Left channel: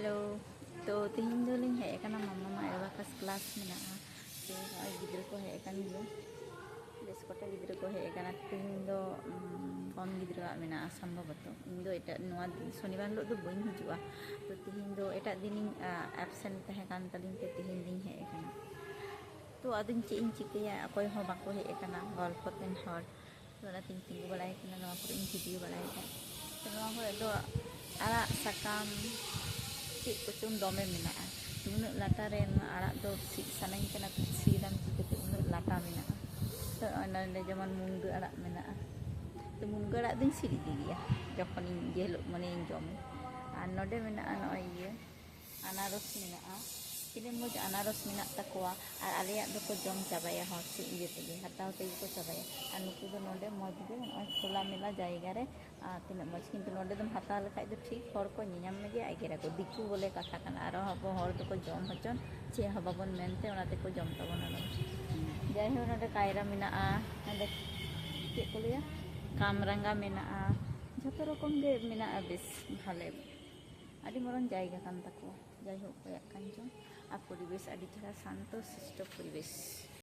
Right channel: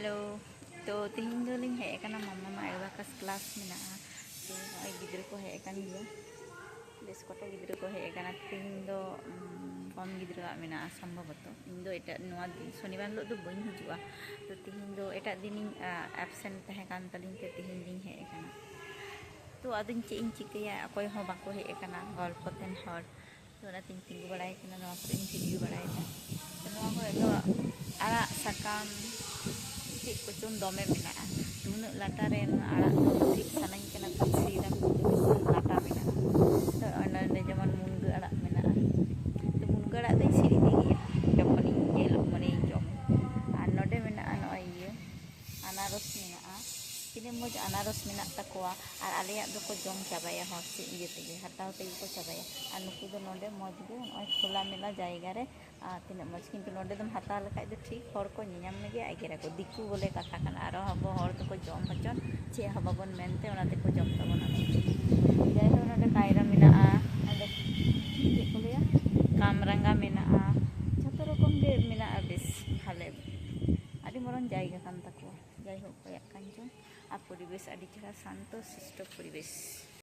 Hello. तो तीन दो लिंग हेज कना मामा एबाकास क्लास मेना तो नय गिद्रा को हेज कन गया बेस कटा गिद्रा को हेज कना तीन दो कम गिद्रा मेना संभवतो इन दो एटा नोआ शनिवार हिलो दो बइन हिजुआ तो तीन दो एटा दिन एबसेंट तहे कान तलिंग ते तीन दिन हेज कना तो आदिन चे इन चिकया अकोय हो बाको हेज कना गल्पतेन हर तो ना तीन तिंगु बड़ाय कना नोआ को इन वीडियो बड़ाय दा तो नोआ को दो आड़ा साकाम ᱪᱮᱫ ᱠᱚᱪᱚᱝ ᱫᱚᱢᱮ ᱢᱮᱱᱟᱜᱼᱟ ᱩᱱᱟᱹᱜ ᱞᱟᱴᱟ ᱨᱮ ᱟᱲᱟᱜ ᱫᱚ ᱥᱤᱫ ᱥᱟᱱᱟᱧ ᱠᱟᱱᱟ ᱛᱚ ᱥᱤᱫᱟᱢ ᱪᱤᱠᱟᱹᱛᱮ ᱩᱱᱟᱹᱜ ᱞᱟᱴᱟ ᱢᱮᱱᱟᱜᱼᱟ ᱛᱚ ᱚᱱᱟ ᱡᱮᱢᱚᱱ ᱢᱩᱱᱜᱟᱹ ᱟᱲᱟᱜ ᱢᱮᱱᱟᱜᱼᱟ ᱛᱚ ᱢᱩᱱᱜᱟᱹ ᱟᱲᱟᱜ ᱫᱚᱧ ᱥᱤᱫ ᱤᱫᱤ ᱜᱮᱭᱟ ᱡᱚᱠᱷᱚᱱᱤᱧ ᱡᱮ ᱦᱤᱞᱳᱜ ᱢᱟᱱᱮᱧ ᱡᱚᱢᱟ ᱟᱨ ᱱᱚᱰᱮ ᱢᱮᱱᱟᱜᱼᱟ ᱱᱚᱜᱼᱚᱭ ᱤᱭᱟᱹ ᱟᱱᱟᱨᱚᱥ ᱢᱮᱱᱟᱜᱼᱟ ᱛᱤᱱᱟᱹᱜ ᱢᱚᱡᱽ ᱟᱱᱟᱨᱚᱥ ᱢᱮᱱᱟᱜ ᱛᱟᱠᱚᱣᱟ ᱟᱨ ᱟᱞᱮᱭᱟᱜ ᱫᱚᱠᱚ ᱡᱚᱢ ᱪᱟᱵᱟᱭᱟ ᱦᱚᱲ ᱥᱮ ᱤᱭᱟᱹ ᱛᱮᱜᱮ ᱦᱟᱛᱟᱣ ᱛᱮᱜᱮ ᱠᱚ ᱪᱟᱵᱟᱭᱟ ᱟᱨ ᱱᱩᱠᱩ ᱫᱚ ᱱᱚᱰᱮ ᱢᱚᱡᱽ ᱜᱮ ᱱᱚᱜᱼᱚᱭ ᱠᱷᱳᱞᱟ ᱢᱮᱞᱟ ᱡᱟᱭᱜᱟ ᱨᱮ ᱛᱤᱱᱟᱹᱜ ᱢᱚᱡᱽ ᱠᱤᱱᱛᱩ ᱱᱚᱰᱮ ᱫᱚᱢ ᱦᱟᱛᱟᱣ ᱞᱮᱠᱷᱟᱡ ᱫᱚ ᱴᱷᱤᱠ ᱦᱚᱲ ᱠᱚ ᱧᱮᱧᱟᱢ ᱢᱮᱜᱮ ᱮᱜᱮᱨᱟᱠᱚ ᱫᱤᱠᱩ ᱵᱚᱞᱮ ᱠᱟᱛᱷᱟ ᱠᱟᱱᱟ ᱟᱨᱚ ᱟᱵᱚ ᱦᱚᱲ ᱫᱚᱠᱚ ᱡᱚᱢ ᱦᱚᱪᱚᱱ ᱪᱮᱫ ᱦᱚᱸ ᱵᱟᱵᱚᱱ ᱢᱮᱱᱛᱮ ᱚᱱᱟ ᱛᱮᱠᱚ ᱡᱚᱢ ᱛᱟᱵᱚᱱᱟ ᱡᱟᱭᱦᱳᱠ ᱱᱚᱰᱮ ᱠᱟᱭᱨᱟ ᱢᱮᱱᱟᱜᱼᱟ ᱱᱚᱰᱮ ᱪᱮᱫ ᱠᱚ ᱞᱟᱹᱭᱟ ᱠᱟᱢᱨᱟঙ্গা ᱢᱮᱱᱟᱜᱼᱟ ᱡᱷᱚᱛᱚ ᱨᱚᱠᱚᱢ ᱜᱮ ᱢᱮᱱᱟᱜᱼᱟ ᱵᱮᱥ ᱵᱷᱟᱞᱮ ᱟᱹᱰᱤ ᱢᱟᱨᱟᱝ ᱡᱟᱭᱜᱟ ᱠᱟᱱ ᱛᱟᱠᱚᱣᱟ ᱡᱟᱭᱦᱳᱠ ᱠᱚᱭᱟᱜ ᱠᱟᱱ ᱪᱚᱝ আর পরিবেশ আডি ᱪᱮᱦরা শান্ত শিষ্ট পরিবেশ।